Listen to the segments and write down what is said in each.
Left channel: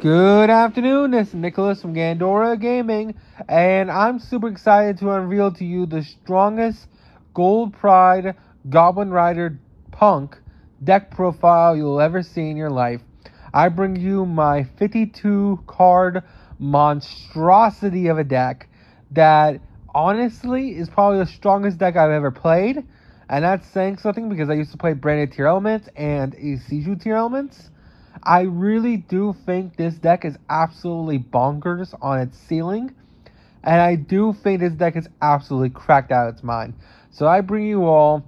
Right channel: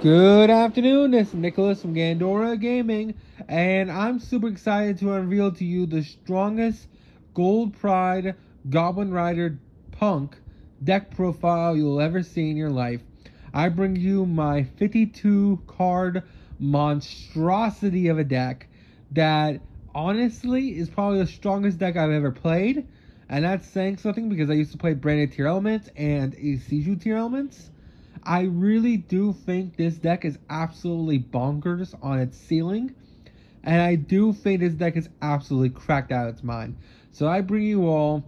Good afternoon, this is Nicholas from Gandora Gaming, and I'm super excited to unveil to you the strongest Gold Pride Goblin Rider Punk deck profile you'll ever see in your life. I bring you my 52 card monstrosity of a deck that honestly is probably the strongest deck I've ever played, and that's saying something because I used to play branded tier elements and Seiju tier elements. I really do think this deck is absolutely bonkers on its ceiling, and I do think this deck is absolutely cracked out of its mind. So I bring you all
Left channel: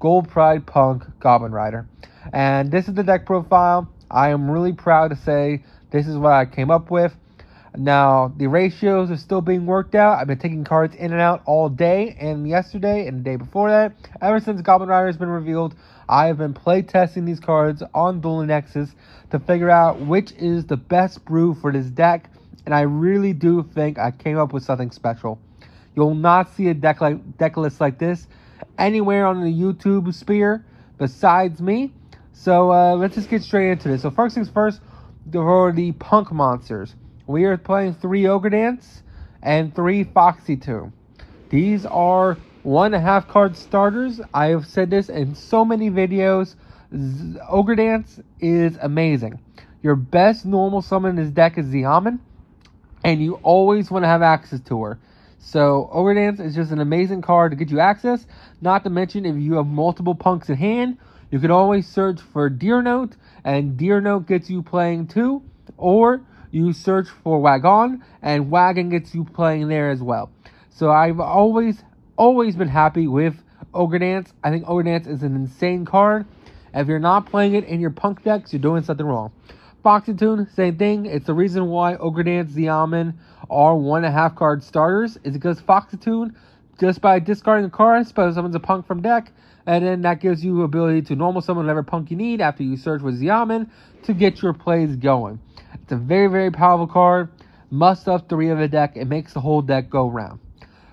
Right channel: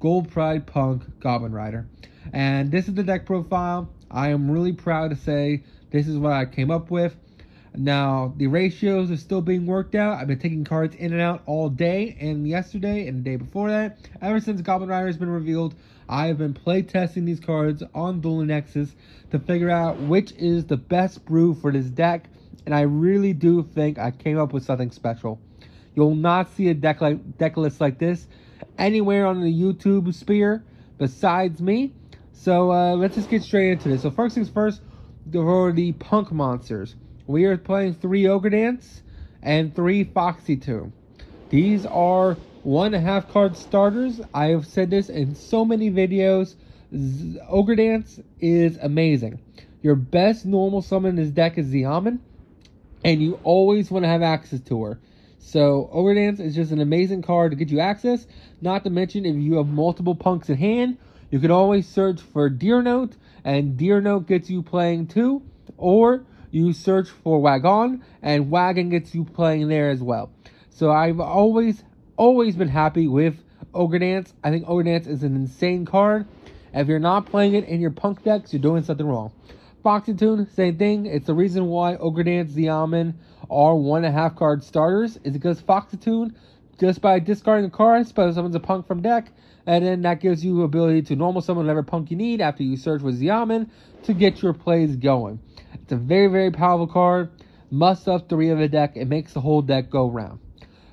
Gold Pride Punk Goblin Rider, and this is the deck profile. I am really proud to say this is what I came up with. Now, the ratios are still being worked out. I've been taking cards in and out all day and yesterday and the day before that. Ever since Goblin Rider has been revealed, I have been playtesting these cards on Dual Nexus to figure out which is the best brew for this deck, and I really do think I came up with something special. You'll not see a deck list like this anywhere on the YouTube sphere besides me. So let's just get straight into this. So first things first, for the Punk monsters, we are playing 3 Ogre Dance and 3 Foxy Tomb. These are 1.5 card starters. I have said this in so many videos. Ogre Dance is amazing. Your best normal summon in this deck is Xiamen, and you always want to have access to her. So Ogre Dance is just an amazing card to get you access. Not to mention, if you have multiple punks in hand, you can always search for Deer Note, and Deer Note gets you playing too. Or you search for Wagon, and Wagon gets you playing there as well. So I've always been happy with Ogre Dance. I think Ogre Dance is an insane card. If you're not playing it in your Punk decks, you're doing something wrong. Foxy Tomb, same thing. It's the reason why Ogre Dance, Xiamen are 1.5 card starters, is because Foxy Tomb, just by discarding a card, special summons a Punk from deck, and then that gives you ability to normal summon whatever Punk you need after you search with Xiamen to get your plays going. It's a very, very powerful card. Must up 3 of the deck. It makes the whole deck go round.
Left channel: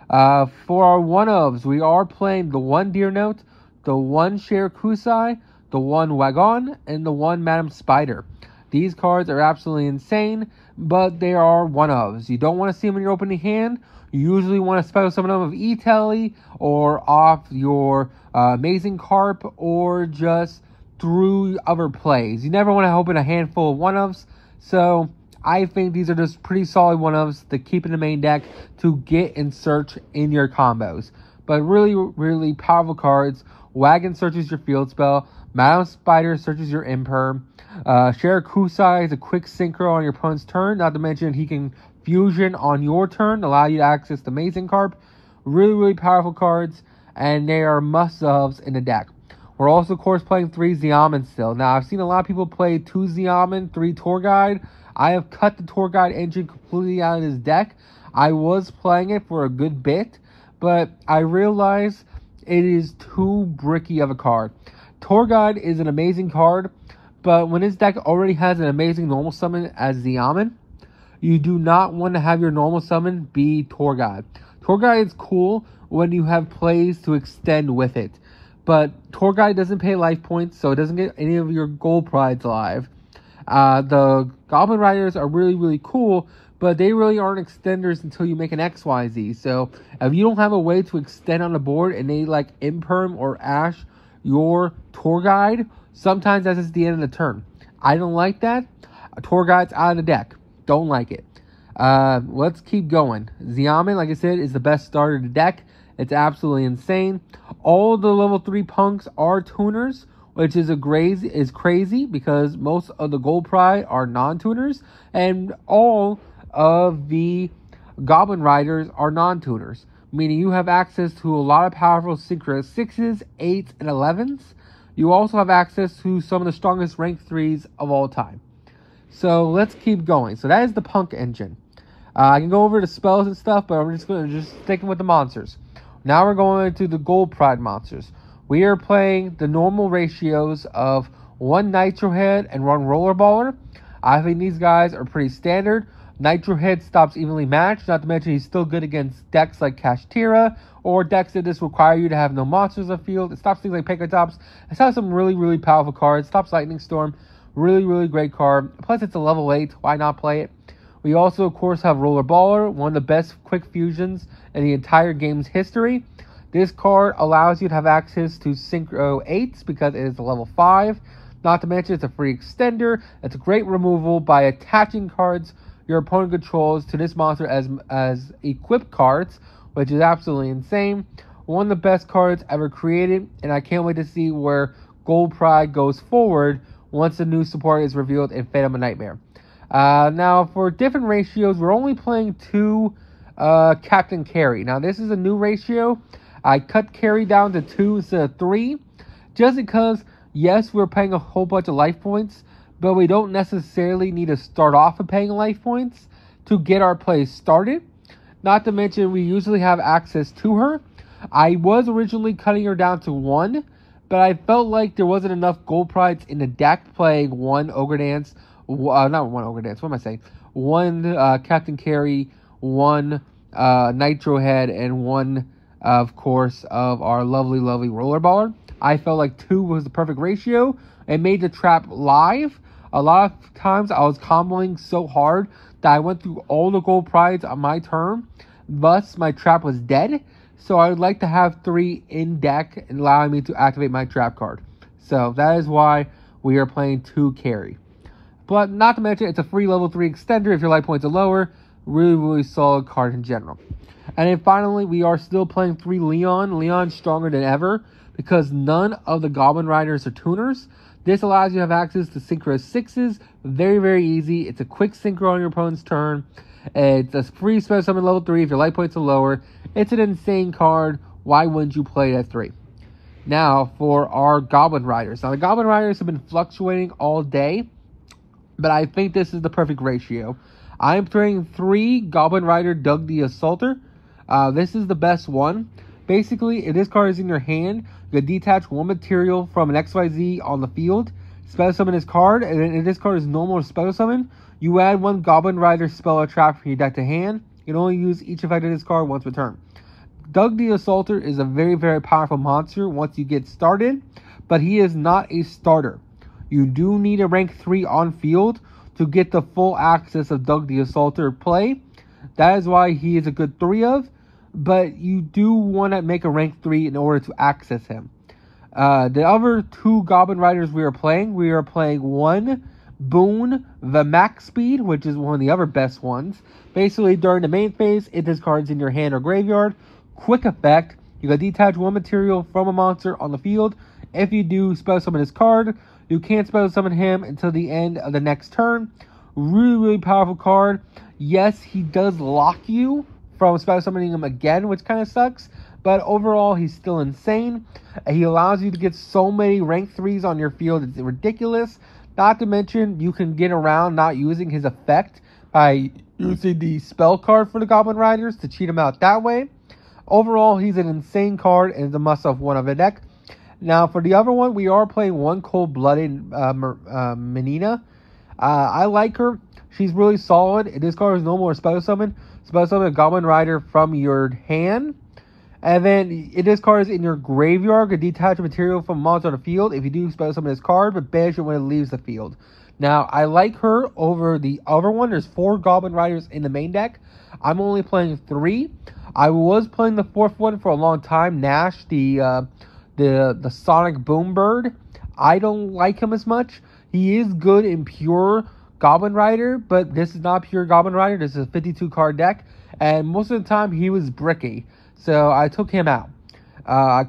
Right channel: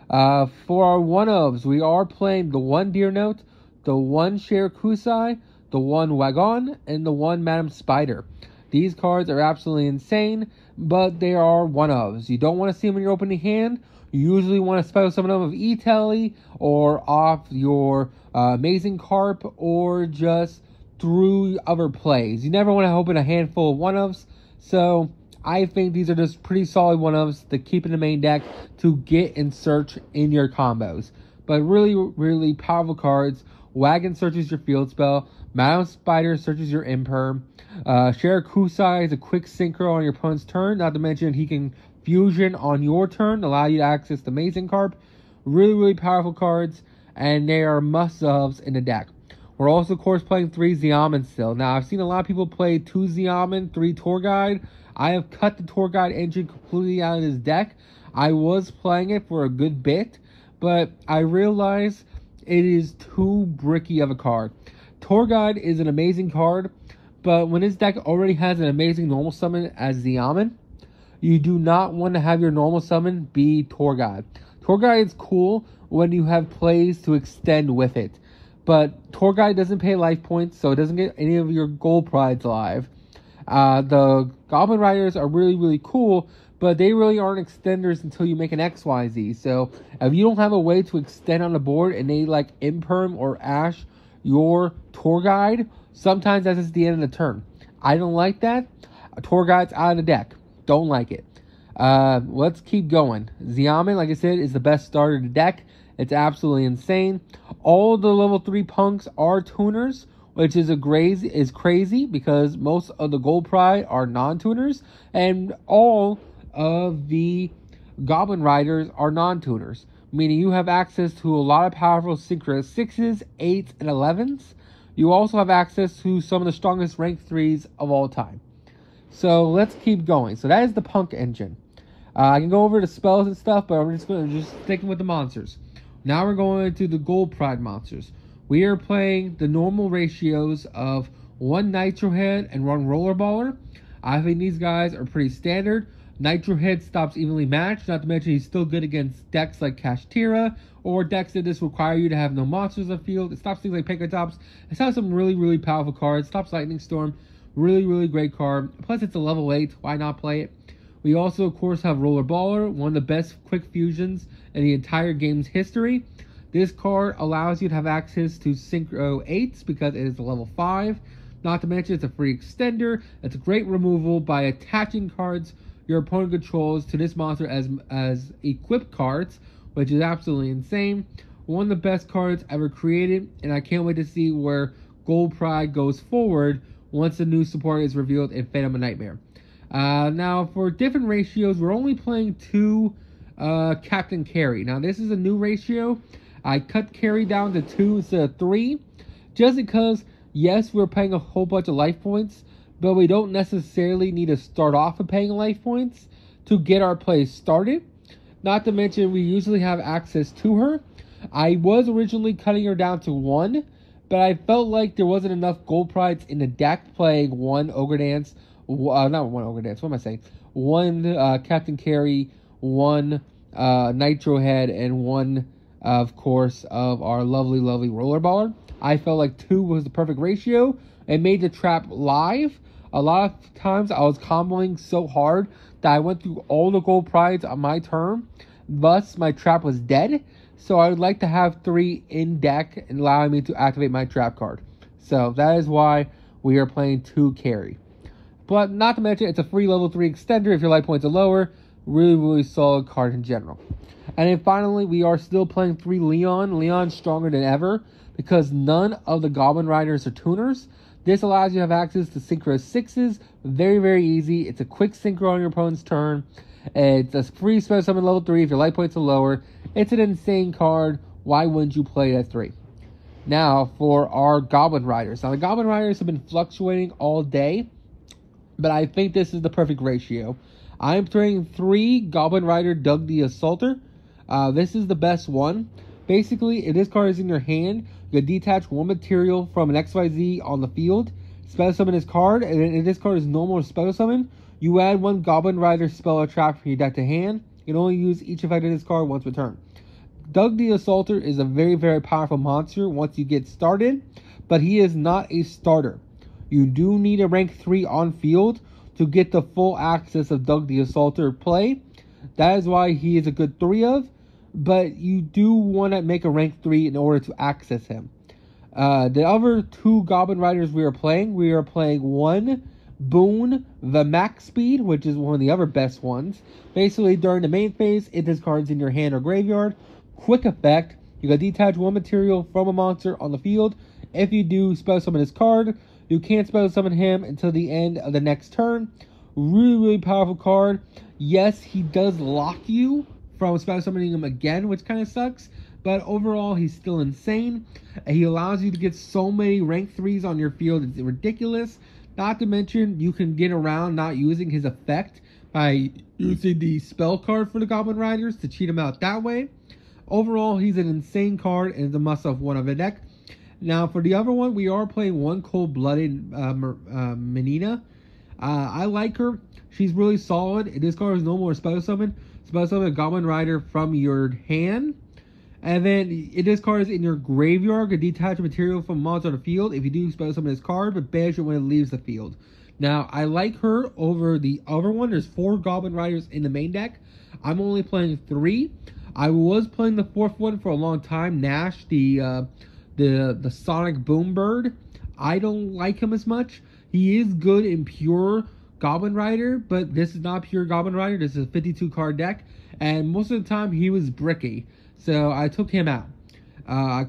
For our one-ofs, we are playing the 1 Deer Note, the 1 Share Kusai, the 1 Wagon, and the 1 Madam Spider. These cards are absolutely insane, but they are one-ofs. You don't want to see them in your opening hand. You usually want to special summon them with E-Telly or off your Amazing Carp or just through other plays. You never want to open a handful of one-ofs, so I think these are just pretty solid one-ofs to keep in the main deck to get and search in your combos. But really, really powerful cards. Wagon searches your field spell. Madam Spider searches your imperm. Share Kusai is a quick synchro on your opponent's turn. Not to mention he can fusion on your turn, allow you to access the Amazing Carp. Really, really powerful cards, and they are must-haves in the deck. We're also, of course, playing 3 Xiamen still. Now, I've seen a lot of people play 2 Xiamen, 3 Tour Guide. I have cut the Tour Guide engine completely out of this deck. I was playing it for a good bit, but I realized it is too bricky of a card. Tour Guide is an amazing card, but when this deck already has an amazing normal summon as Xiamen, you do not want to have your normal summon be Tour Guide. Tour Guide is cool when you have plays to extend with it, but Tour Guide doesn't pay life points, so it doesn't get any of your gold prides alive. The Goblin Riders are really, really cool, but they really aren't extenders until you make an XYZ. So if you don't have a way to extend on the board and they like imperm or ash your Tour Guide, sometimes that's just the end of the turn. I don't like that. A Tour Guide's out of the deck. Don't like it. Let's keep going. Xiamen, like I said, is the best starter of the deck. It's absolutely insane. All the level 3 punks are tuners, which is crazy because most of the Gold Pride are non-tuners, and all of the Goblin Riders are non-tuners, meaning you have access to a lot of powerful synchro 6s, 8s, and 11s. You also have access to some of the strongest rank 3s of all time. So let's keep going. So that is the Punk engine. I can go over the spells and stuff, but we're just going to sticking with the monsters. Now we're going to the Gold Pride monsters. We are playing the normal ratios of 1 Nitro Head and 1 Rollerballer. I think these guys are pretty standard. Nitro Head stops evenly matched, not to mention he's still good against decks like Kashtira or decks that just require you to have no monsters on the field. It stops things like Pankratops. It stops some really, really powerful cards. Stops Lightning Storm. Really, really great card. Plus, it's a level 8. Why not play it? We also, of course, have Roller Baller, one of the best quick fusions in the entire game's history. This card allows you to have access to Synchro 8s because it is a level 5. Not to mention, it's a free extender. It's a great removal by attaching cards your opponent controls to this monster as equipped cards, which is absolutely insane. One of the best cards ever created, and I can't wait to see where Gold Pride goes forward once the new support is revealed in Phantom of Nightmare. Now, for different ratios, we're only playing 2 Captain Carry. Now, this is a new ratio. I cut Carry down to 2 instead of 3, just because, yes, we're paying a whole bunch of life points, but we don't necessarily need to start off with paying life points to get our play started. Not to mention, we usually have access to her. I was originally cutting her down to 1, but I felt like there wasn't enough gold prides in the deck playing 1 Ogre Dance, not 1 Ogre Dance, what am I saying? 1 Captain Carry, 1 Nitro Head, and 1, of course, of our lovely, lovely Roller Baller. I felt like 2 was the perfect ratio. It made the trap live. A lot of times I was comboing so hard that I went through all the gold prides on my turn. Thus, my trap was dead. So I would like to have 3 in deck and allowing me to activate my trap card. So that is why we are playing 2 Carry. But not to mention, it's a free level 3 extender if your life points are lower. Really, really solid card in general. And then finally, we are still playing 3 Leon. Leon's stronger than ever because none of the Goblin Riders are tuners. This allows you to have access to Synchro 6s. Very, very easy. It's a quick Synchro on your opponent's turn. It's a free special summon level 3 if your life points are lower. It's an insane card. Why wouldn't you play it at 3? Now, for our Goblin Riders. Now, the Goblin Riders have been fluctuating all day, but I think this is the perfect ratio. I'm throwing 3 Goblin Rider Doug the Assaulter. This is the best one. Basically, if this card is in your hand, you can detach 1 material from an XYZ on the field, special summon this card, and then if this card is normal or special summon, you add 1 Goblin Rider spell or trap from your deck to hand. You can only use each effect of this card once per turn. Doug the Assaulter is a very, very powerful monster once you get started, but he is not a starter. You do need a rank 3 on field to get the full access of Doug the Assaulter play. That is why he is a good 3 of, but you do want to make a rank 3 in order to access him. The other 2 Goblin Riders we are playing 1 Boon, the max speed, which is one of the other best ones. Basically, during the main phase, if this card's in your hand or graveyard, quick effect, you can detach 1 material from a monster on the field. If you do special summon this card, you can't special summon him until the end of the next turn. Really, really powerful card. Yes, he does lock you from special summoning him again, which kind of sucks. But overall, he's still insane. He allows you to get so many rank 3s on your field. It's ridiculous. Not to mention, you can get around not using his effect by using the spell card for the Goblin Riders to cheat him out that way. Overall, he's an insane card and is a must-have one of the deck. Now, for the other one, we are playing 1 Cold-Blooded Menina. I like her. She's really solid. If this card is normal or special summon a Goblin Rider from your hand. And then, if this card is in your graveyard, you can detach a material from a monster on the field. If you do special summon this card, but banish it when it leaves the field. Now, I like her over the other one. There's 4 Goblin Riders in the main deck. I'm only playing 3. I was playing the 4th one for a long time, Nash, the Sonic Boom Bird. I don't like him as much. He is good in pure Goblin Rider, but this is not pure Goblin Rider. This is a 52 card deck, and most of the time he was bricky, so I took him out.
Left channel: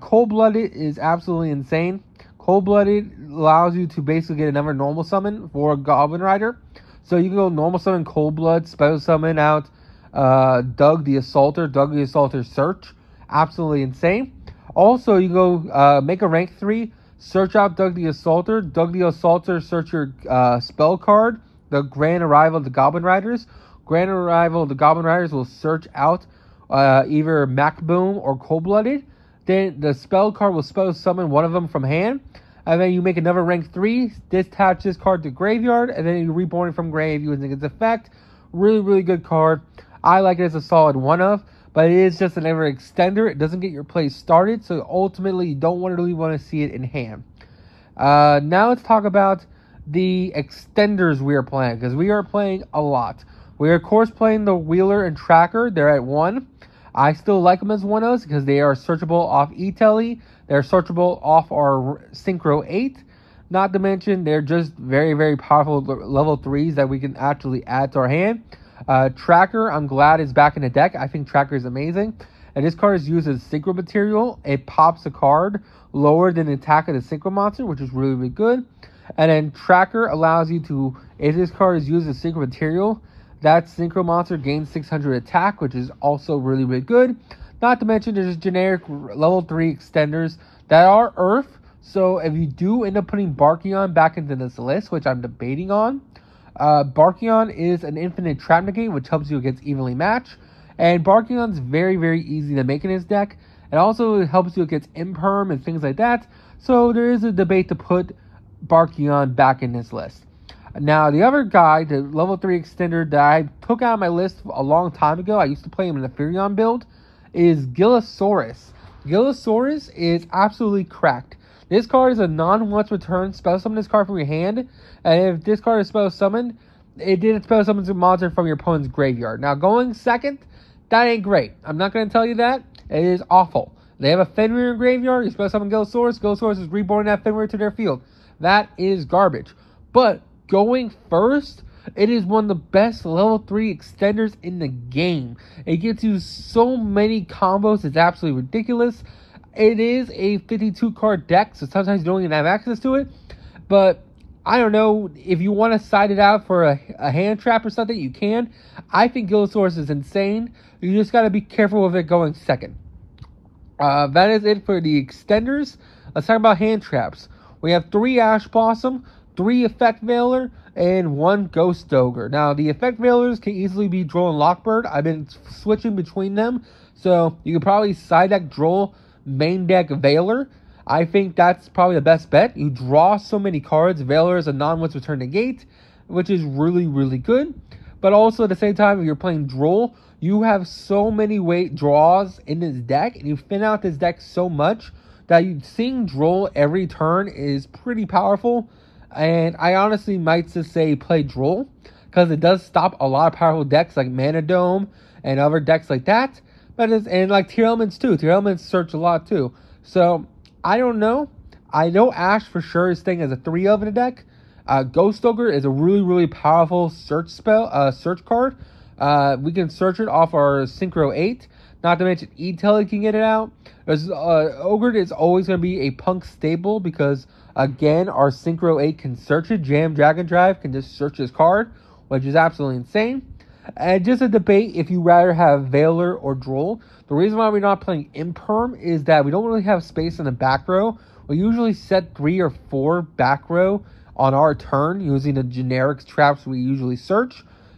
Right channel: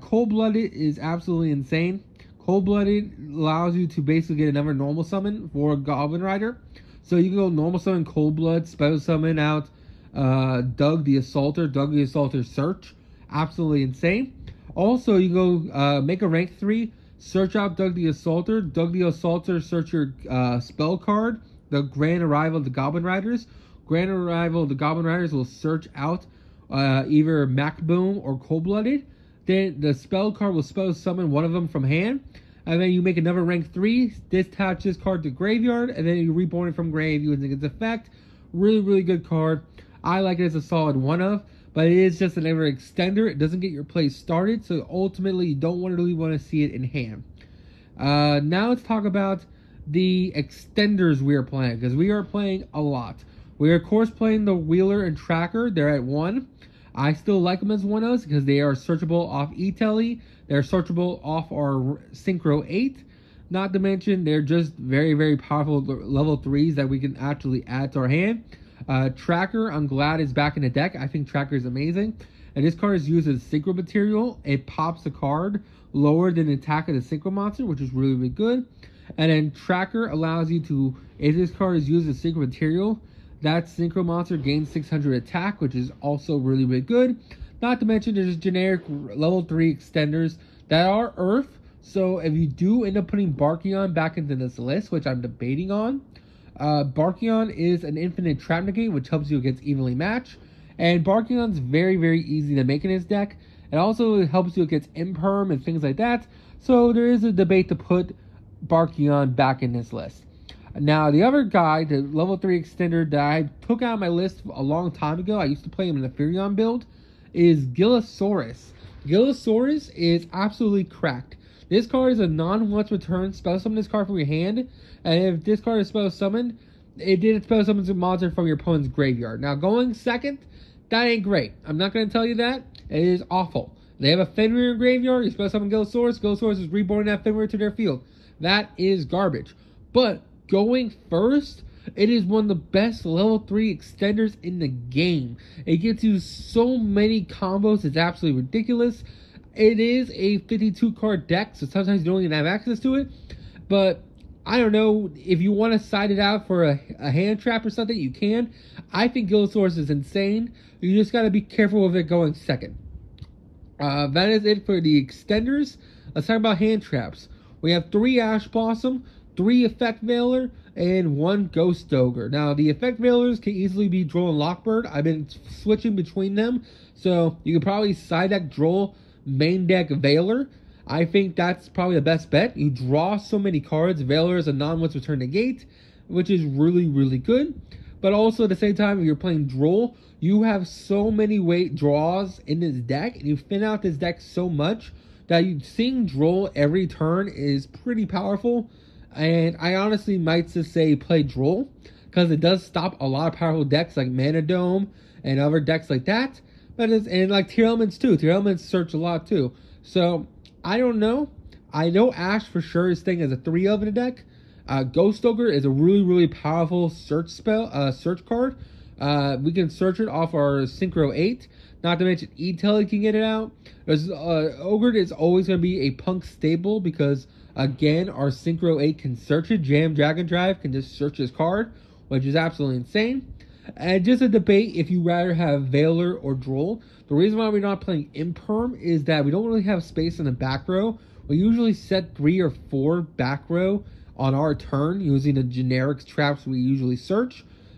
Cold-Blooded is absolutely insane. Cold-Blooded allows you to basically get another normal summon for a Goblin Rider. So you can go normal summon Cold-Blood, special summon out Doug the Assaulter Search. Absolutely insane. Also, you go make a rank 3, search out Doug the Assaulter. Doug the Assaulter, search your spell card, the Grand Arrival of the Goblin Riders. Grand Arrival of the Goblin Riders will search out either Mac Boom or Cold-Blooded. Then the spell card will spell summon one of them from hand. And then you make another rank 3, detach this card to graveyard, and then you reborn it from grave using its effect. Really, really good card. I like it as a solid 1 of, but it is just another extender. It doesn't get your play started, so ultimately you don't really want to see it in hand. Now let's talk about the extenders we are playing, because we are playing a lot. We are, of course, playing the Wheeler and Tracker. They're at 1. I still like them as 1-0s because they are searchable off E-Telly. They're searchable off our Synchro 8. Not to mention, they're just very, very powerful level 3s that we can actually add to our hand. Tracker, I'm glad is back in the deck. I think Tracker is amazing. And this card is used as synchro material. It pops a card lower than the attack of the synchro monster, which is really, really good. And then Tracker allows you to, if this card is used as synchro material, that synchro monster gains 600 attack, which is also really, really good. Not to mention, there's generic level 3 extenders that are Earth. So if you do end up putting Barkion back into this list, which I'm debating on, Barkion is an infinite trap negate, which helps you against evenly matched. And Barkion's very, very easy to make in his deck. It also helps you against Imperm and things like that. So there is a debate to put Barkion back in this list. Now, the other guy, the level 3 extender that I took out of my list a long time ago, I used to play him in the Furion build, is Gillosaurus. Gillosaurus is absolutely cracked. This card is a non-once return. Spell summon this card from your hand. And if this card is spell summoned, it did spell summon a monster from your opponent's graveyard. Now, going second, that ain't great. I'm not going to tell you that. It is awful. They have a Fenrir graveyard. You spell summon Gillosaurus. Gillosaurus is reborn that Fenrir to their field. That is garbage. But going first, it is one of the best level 3 extenders in the game. It gets you so many combos. It's absolutely ridiculous. It is a 52 card deck, so sometimes you don't even have access to it. But I don't know, if you want to side it out for a hand trap or something, you can. I think Gillosaurus is insane. You just got to be careful with it going second. That is it for the extenders. Let's talk about hand traps. We have 3 Ash Blossom, 3 Effect Veiler, and 1 Ghost Ogre. Now, the Effect Veilers can easily be Droll and Lockbird. I've been switching between them, so you could probably side deck Droll, main deck Veiler. I think that's probably the best bet. You draw so many cards. Veiler is a non-once return negate, which is really, really good. But also at the same time, if you're playing Droll, you have so many draws in this deck, and you thin out this deck so much that seeing Droll every turn is pretty powerful. And I honestly might just say play Droll, because it does stop a lot of powerful decks like Mana Dome and other decks like that. And like Tier Elements too. Tier Elements search a lot too. So I don't know. I know Ash for sure is staying as a 3 of in the deck. Ghost Ogre is a really, really powerful search card. We can search it off our Synchro 8. Not to mention E-Telly can get it out. Ogre is always going to be a Punk staple because, again, our Synchro 8 can search it. Jam Dragon Drive can just search this card, which is absolutely insane. And just a debate if you rather have Veiler or Droll. The reason why we're not playing Imperm is that we don't really have space in the back row. We usually set 3 or 4 back row on our turn using the generic traps we usually search.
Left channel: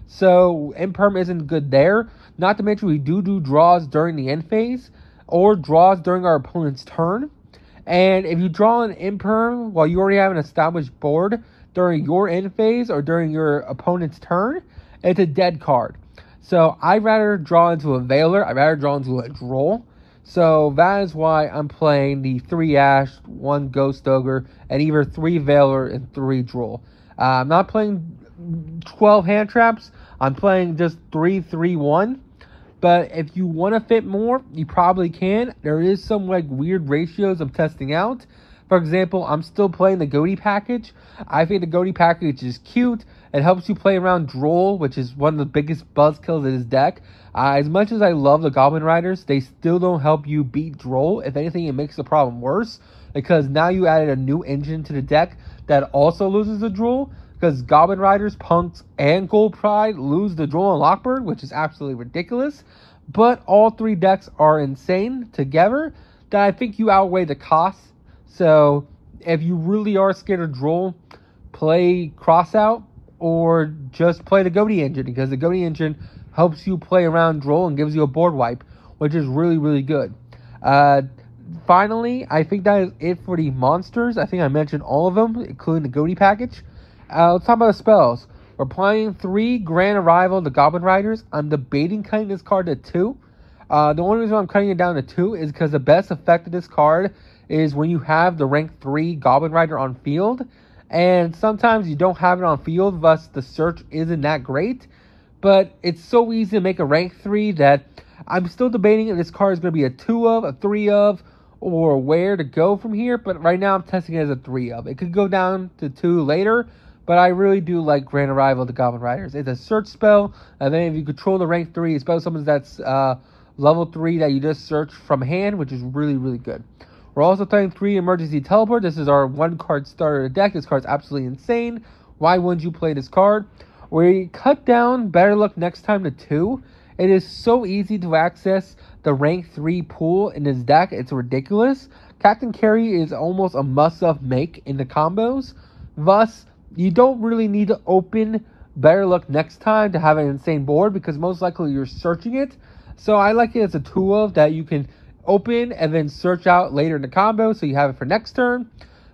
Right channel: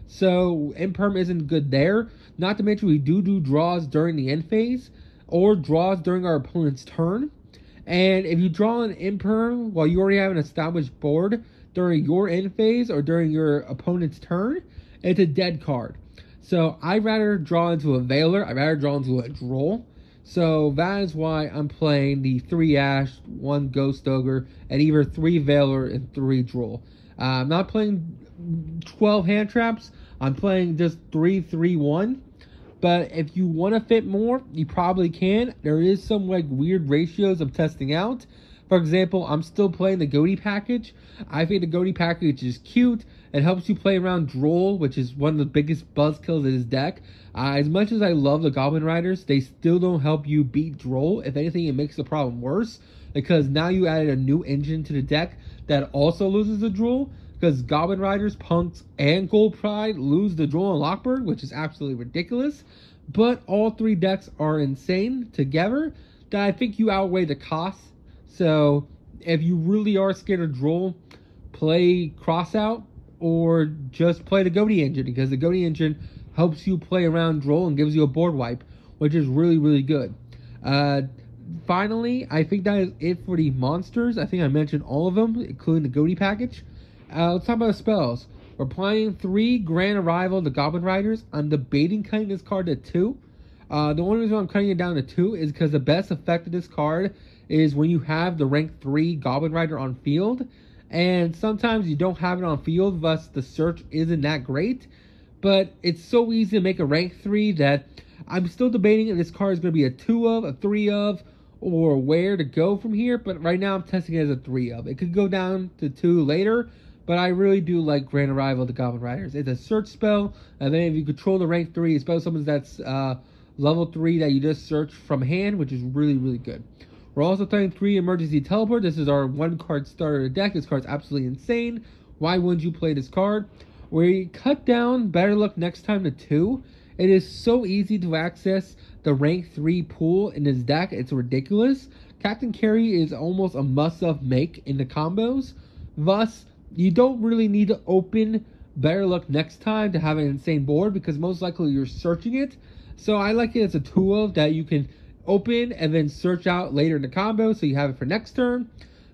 So Imperm isn't good there. Not to mention we do draws during the end phase or draws during our opponent's turn. And if you draw an Imperm while you already have an established board during your end phase or during your opponent's turn, it's a dead card. So I'd rather draw into a Veiler. I'd rather draw into a Droll. So that is why I'm playing the 3 Ash, 1 Ghost Ogre, and either 3 Veiler and 3 Droll. I'm not playing 12 hand traps. I'm playing just 3-3-1. But if you want to fit more, you probably can. There is some like weird ratios I'm testing out. For example, I'm still playing the Goatee package. I think the Goatee package is cute. It helps you play around Droll, which is one of the biggest buzzkills of this deck. As much as I love the Goblin Riders, they still don't help you beat Droll. If anything, it makes the problem worse, because now you added a new engine to the deck that also loses the Droll, because Goblin Riders, Punks, and Gold Pride lose the Droll and Lockbird, which is absolutely ridiculous. But all 3 decks are insane together that I think you outweigh the costs. So if you really are scared of Droll, play Crossout or just play the Goatee engine, because the Goatee engine helps you play around Droll and gives you a board wipe, which is really, really good. Finally, I think that is it for the monsters. I think I mentioned all of them, including the Goatee package. Let's talk about the spells. We're playing 3 Grand Arrival, the Goblin Riders. I'm debating cutting this card to 2. The only reason I'm cutting it down to 2 is because the best effect of this card is when you have the rank 3 Goblin Rider on field. and sometimes you don't have it on field, thus the search isn't that great. But it's so easy to make a rank 3 that I'm still debating if this card is going to be a 2 of, a 3 of, or where to go from here. But right now I'm testing it as a 3 of. It could go down to 2 later, but I really do like Grand Arrival of the Goblin Riders. It's a search spell, and then if you control the rank 3, especially something that's level 3 that you just search from hand, which is really, really good. We're also playing 3 Emergency Teleport. This is our 1-card starter deck. This card's absolutely insane. Why wouldn't you play this card? We cut down Better Luck Next Time to 2. It is so easy to access the rank 3 pool in this deck. It's ridiculous. Captain Carry is almost a must-have make in the combos. Thus, you don't really need to open Better Luck Next Time to have an insane board, because most likely you're searching it. So I like it as a 2 of that you can open and then search out later in the combo, so you have it for next turn.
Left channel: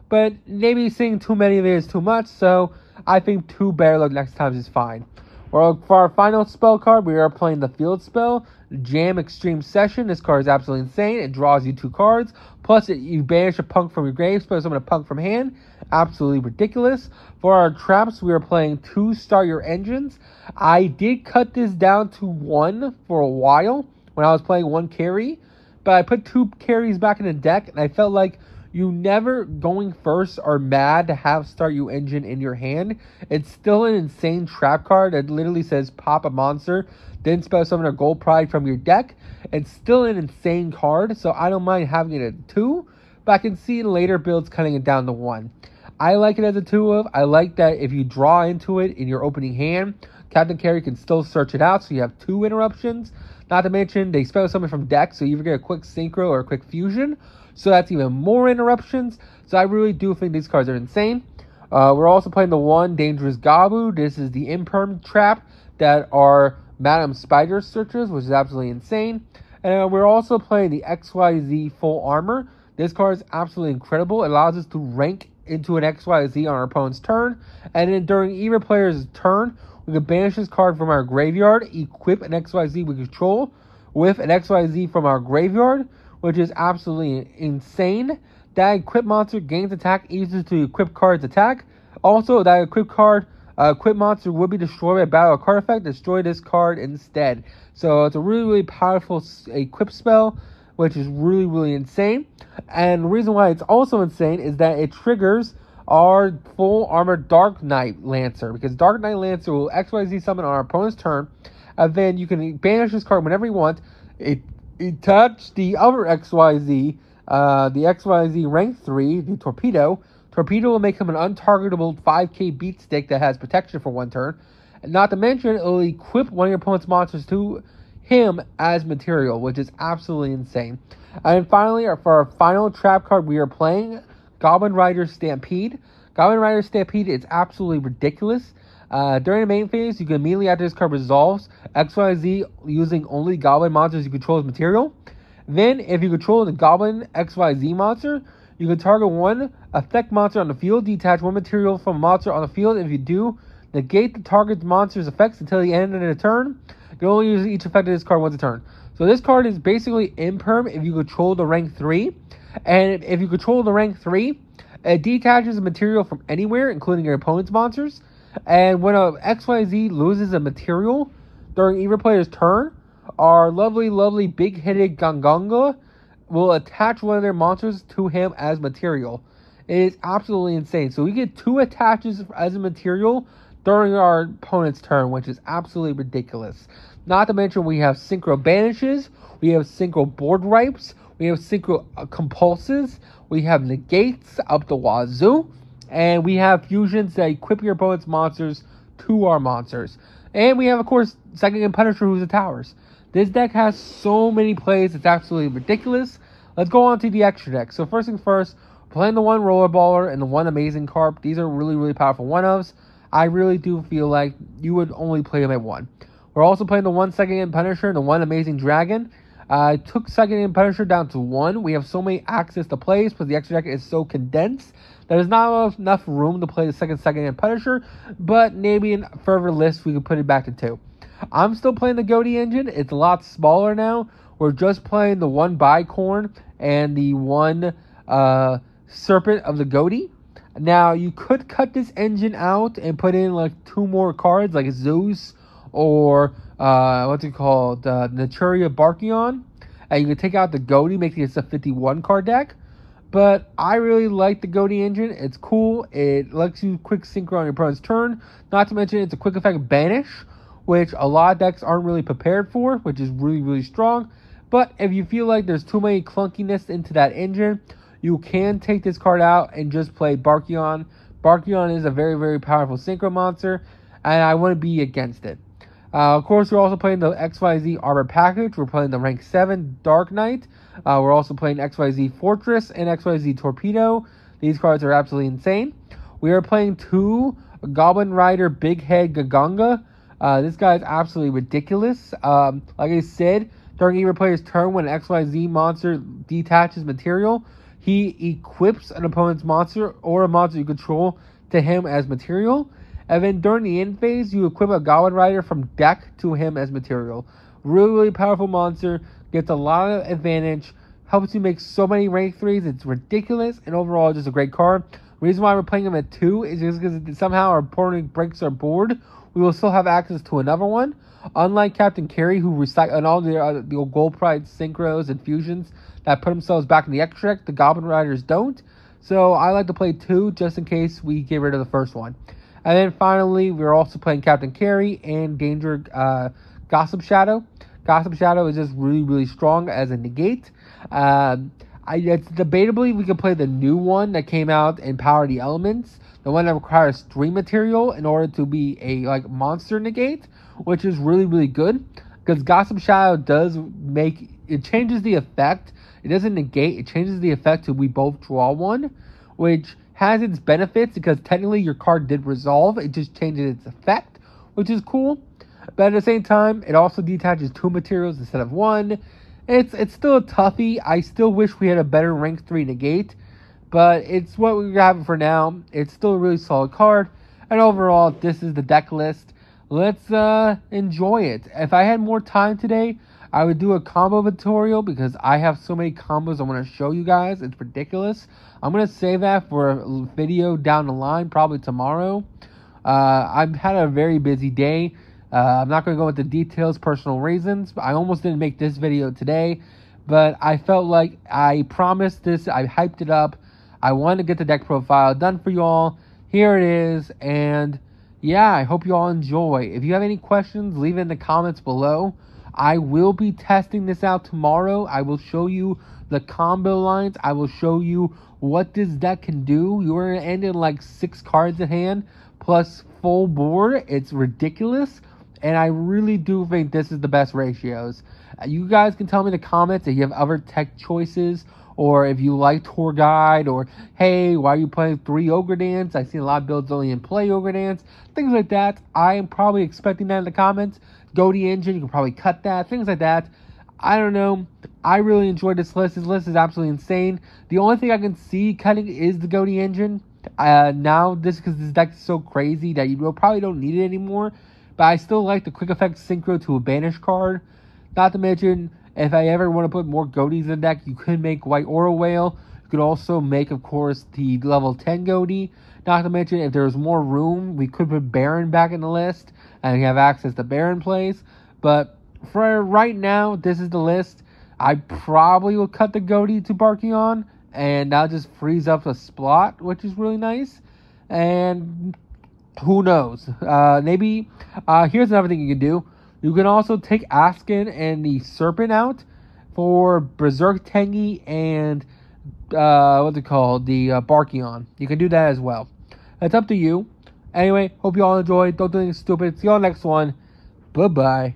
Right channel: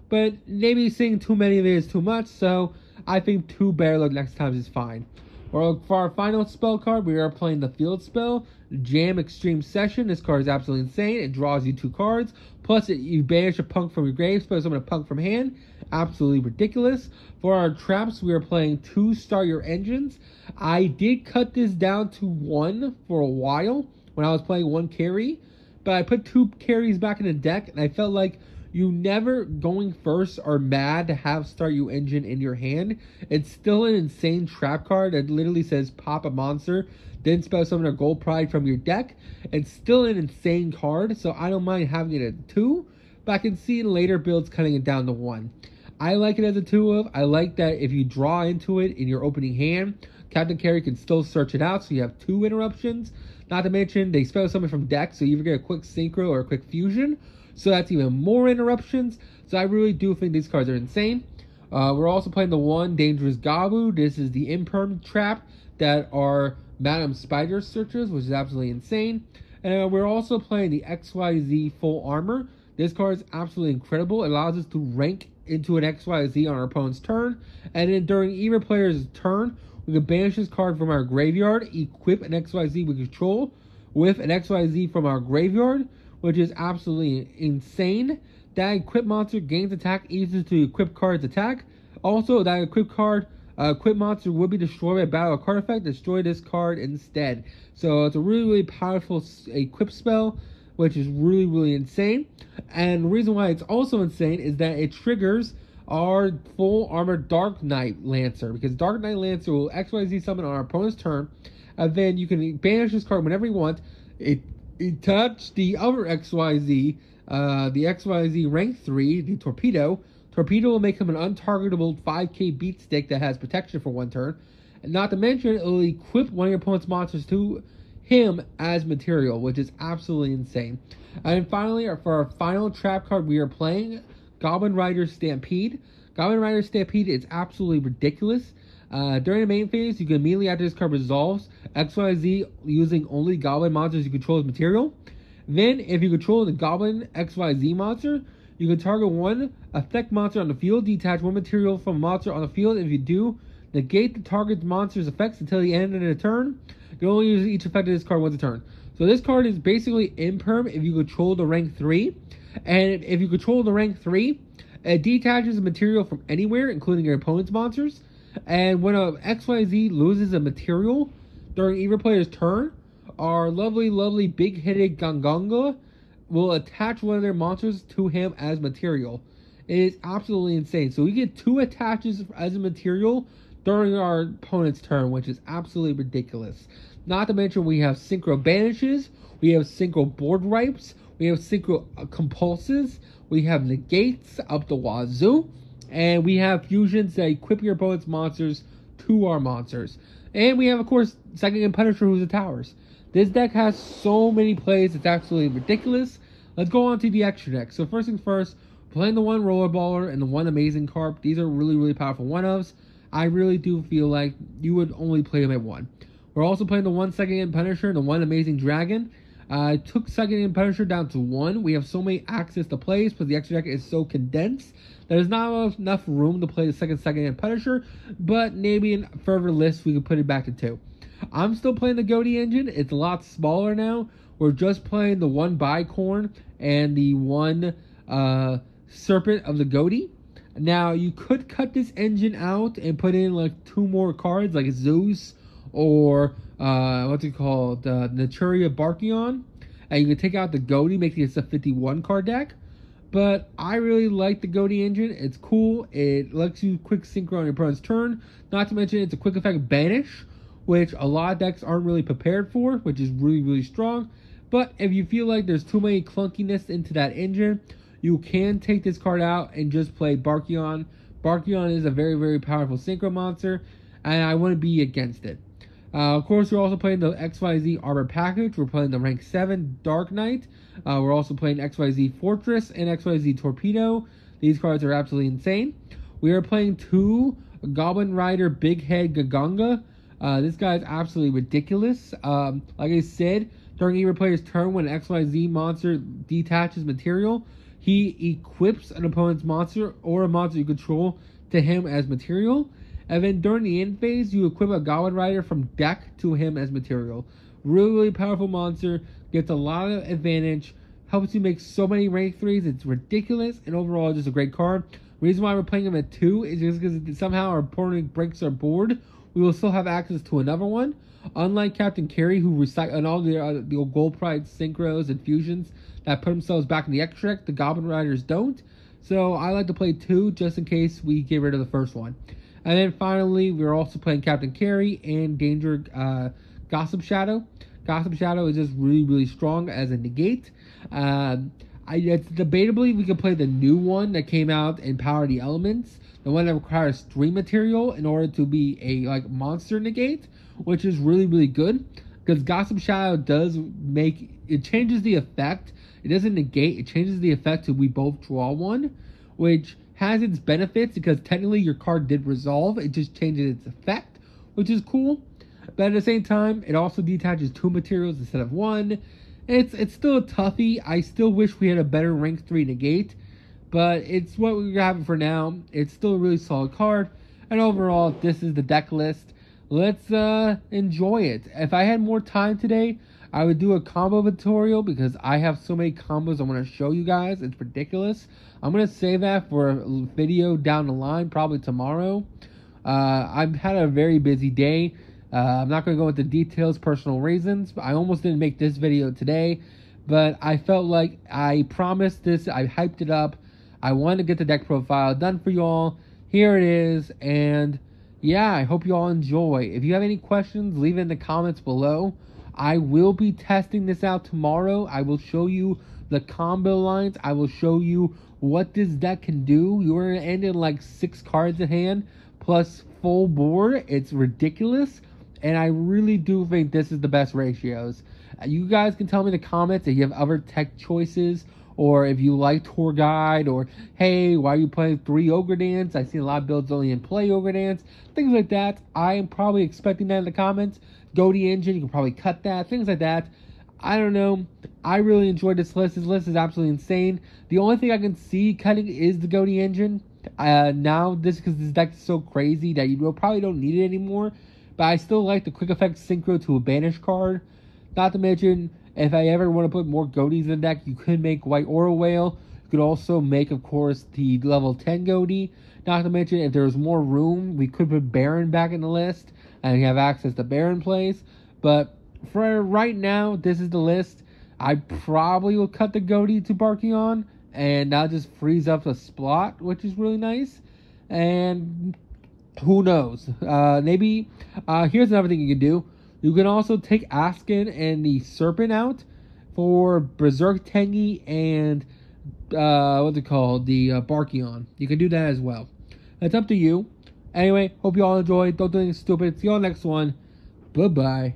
But maybe seeing too many of it is too much, so I think 2 Better Luck Next Times is fine. Well, for our final spell card, we are playing the field spell, Jam Extreme Session. This card is absolutely insane. It draws you 2 cards, plus you banish a punk from your grave, so summon a punk from hand. Absolutely ridiculous. For our traps, we are playing 2 Start Your Engines. I did cut this down to 1 for a while when I was playing 1 carry, but I put 2 carries back in the deck, and I felt like you never going first are mad to have Start Your Engine in your hand. It's still an insane trap card that literally says pop a monster, then spell summon a gold pride from your deck. It's still an insane card, so I don't mind having it at 2, but I can see in later builds cutting it down to 1. I like it as a 2 of. I like that if you draw into it in your opening hand, Captain Carry can still search it out, so you have 2 interruptions. Not to mention, they spell summon from deck, so you either get a quick synchro or a quick fusion. So that's even more interruptions. So I really do think these cards are insane. We're also playing the 1 Dangerous Gabu. This is the imperm trap that are Madam Spider searches, which is absolutely insane. And we're also playing the XYZ Full Armor. This card is absolutely incredible. It allows us to rank into an XYZ on our opponent's turn. And then during either player's turn, we can banish this card from our graveyard, equip an XYZ we control with an XYZ from our graveyard, which is absolutely insane. That equip monster gains attack equal to equip card's attack. Also, that equip monster will be destroyed by battle card effect. Destroy this card instead. So it's a really, really powerful equip spell, which is really, really insane. And the reason why it's also insane is that it triggers our Full Armor Dark Knight Lancer, because Dark Knight Lancer will XYZ summon on our opponent's turn, and then you can banish this card whenever you want. It attach the other XYZ, the XYZ rank 3, the Torpedo. Torpedo will make him an untargetable 5k beat stick that has protection for 1 turn. And not to mention, it will equip one of your opponent's monsters to him as material, which is absolutely insane. And finally, for our final trap card, we are playing Goblin Rider Stampede. Goblin Rider Stampede is absolutely ridiculous. During the main phase, you can immediately after this card resolves XYZ using only Goblin monsters you control as material. Then, if you control the Goblin XYZ monster, you can target 1 effect monster on the field, detach 1 material from a monster on the field. If you do, negate the target monster's effects until the end of the turn. You can only use each effect of this card once a turn. So this card is basically imperm if you control the rank 3. And if you control the rank 3, it detaches a material from anywhere, including your opponent's monsters. And when a XYZ loses a material during either player's turn, our lovely, lovely big-headed Gongonga will attach one of their monsters to him as material. It is absolutely insane. So we get 2 attaches as a material during our opponent's turn, which is absolutely ridiculous. Not to mention we have Synchro Banishes, we have Synchro Board Ripes, we have Synchro Compulses, we have Negates up the wazoo, and we have Fusions that equip your opponent's monsters to our monsters. And we have, of course, Second Hand Punisher, who's the Towers. This deck has so many plays, it's absolutely ridiculous. Let's go on to the extra deck. So first things first, playing the 1 Rollerballer and the 1 Amazing Carp. These are really, really powerful 1-ofs. I really do feel like you would only play them at 1. We're also playing the 1 Second Hand Punisher and the 1 Amazing Dragon. I took Second Hand Punisher down to 1. We have so many access to plays because the extra deck is so condensed. There's not enough room to play the Second Hand Punisher, but maybe in further lists we could put it back to 2. I'm still playing the Goaty engine. It's a lot smaller now. We're just playing the 1 Bicorn and the 1 Serpent of the Goaty. Now, you could cut this engine out and put in like 2 more cards, like Zeus or what's it called, Naturia Barkion. And you could take out the Goaty, making it a 51 card deck. But I really like the Goaty engine. It's cool. It lets you quick synchro on your opponent's turn. Not to mention, it's a quick effect banish, which a lot of decks aren't really prepared for, which is really, really strong. But if you feel like there's too many clunkiness into that engine, you can take this card out and just play Barkion. Barkion is a very, very powerful synchro monster, and I wouldn't be against it. Of course, we're also playing the XYZ Arbor Package. We're playing the Rank 7 Dark Knight. We're also playing XYZ Fortress and XYZ Torpedo. These cards are absolutely insane. We are playing 2 Goblin Rider Big Head Gaganga. This guy is absolutely ridiculous. Like I said, during either player's turn, when an XYZ monster detaches material, he equips an opponent's monster or a monster you control to him as material. And then during the end phase, you equip a Goblin Rider from deck to him as material. Really, really powerful monster. Gets a lot of advantage. Helps you make so many rank 3s. It's ridiculous. And overall, just a great card. Reason why we're playing him at 2 is just because somehow our opponent breaks our board. We will still have access to another one. Unlike Captain Carey, who recycled and all the Gold Pride synchros and fusions that put themselves back in the extra deck, the Goblin Riders don't. So I like to play 2 just in case we get rid of the first one. And then finally, we're also playing Captain Carey and Danger Gossip Shadow. Gossip Shadow is just really, really strong as a negate. It's debatably we could play the new one that came out in Power the Elements, the one that requires 3 material in order to be a monster negate, which is really, really good because Gossip Shadow does it changes the effect. It doesn't negate, it changes the effect to we both draw 1, which has its benefits because technically your card did resolve. It just changes its effect, which is cool. But at the same time, it also detaches 2 materials instead of 1. It's still a toughie. I still wish we had a better rank 3 negate, but it's what we're having for now. It's still a really solid card. And overall, this is the deck list. Let's enjoy it. If I had more time today, I would do a combo tutorial because I have so many combos I want to show you guys. It's ridiculous. I'm going to save that for a video down the line, probably tomorrow. I've had a very busy day. I'm not going to go into details, personal reasons. I almost didn't make this video today, but I felt like I promised this. I hyped it up. I wanted to get the deck profile done for you all. Here it is, and yeah, I hope you all enjoy. If you have any questions, leave it in the comments below. I will be testing this out tomorrow. I will show you the combo lines. I will show you what this deck can do. You're going to end in like 6 cards in hand plus full board. It's ridiculous. And I really do think this is the best ratios. You guys can tell me in the comments if you have other tech choices, or if you like Tour Guide, or hey, why are you playing 3 Ogre Dance? I see a lot of builds only in play Ogre Dance. Things like that. I am probably expecting that in the comments. Goaty engine, you can probably cut that. Things like that. I don't know. I really enjoyed this list. This list is absolutely insane. The only thing I can see cutting is the Goaty engine. Now, because this deck is so crazy that you probably don't need it anymore. But I still like the quick effect synchro to a banish card. Not to mention, if I ever want to put more Goaties in the deck, you could make White Aura Whale. You could also make, of course, the level 10 Goaty. Not to mention, if there's more room, we could put Baron back in the list. And we have access to Baron plays. But for right now, this is the list. I probably will cut the Goaty to Barkion. And that just frees up a slot, which is really nice. And who knows? Maybe here's another thing you can do. You can also take Askin and the Serpent out for Berserk Tengi and what's it called? The Barkion. You can do that as well. It's up to you. Anyway, hope you all enjoyed. Don't do anything stupid. See you on the next one. Bye-bye.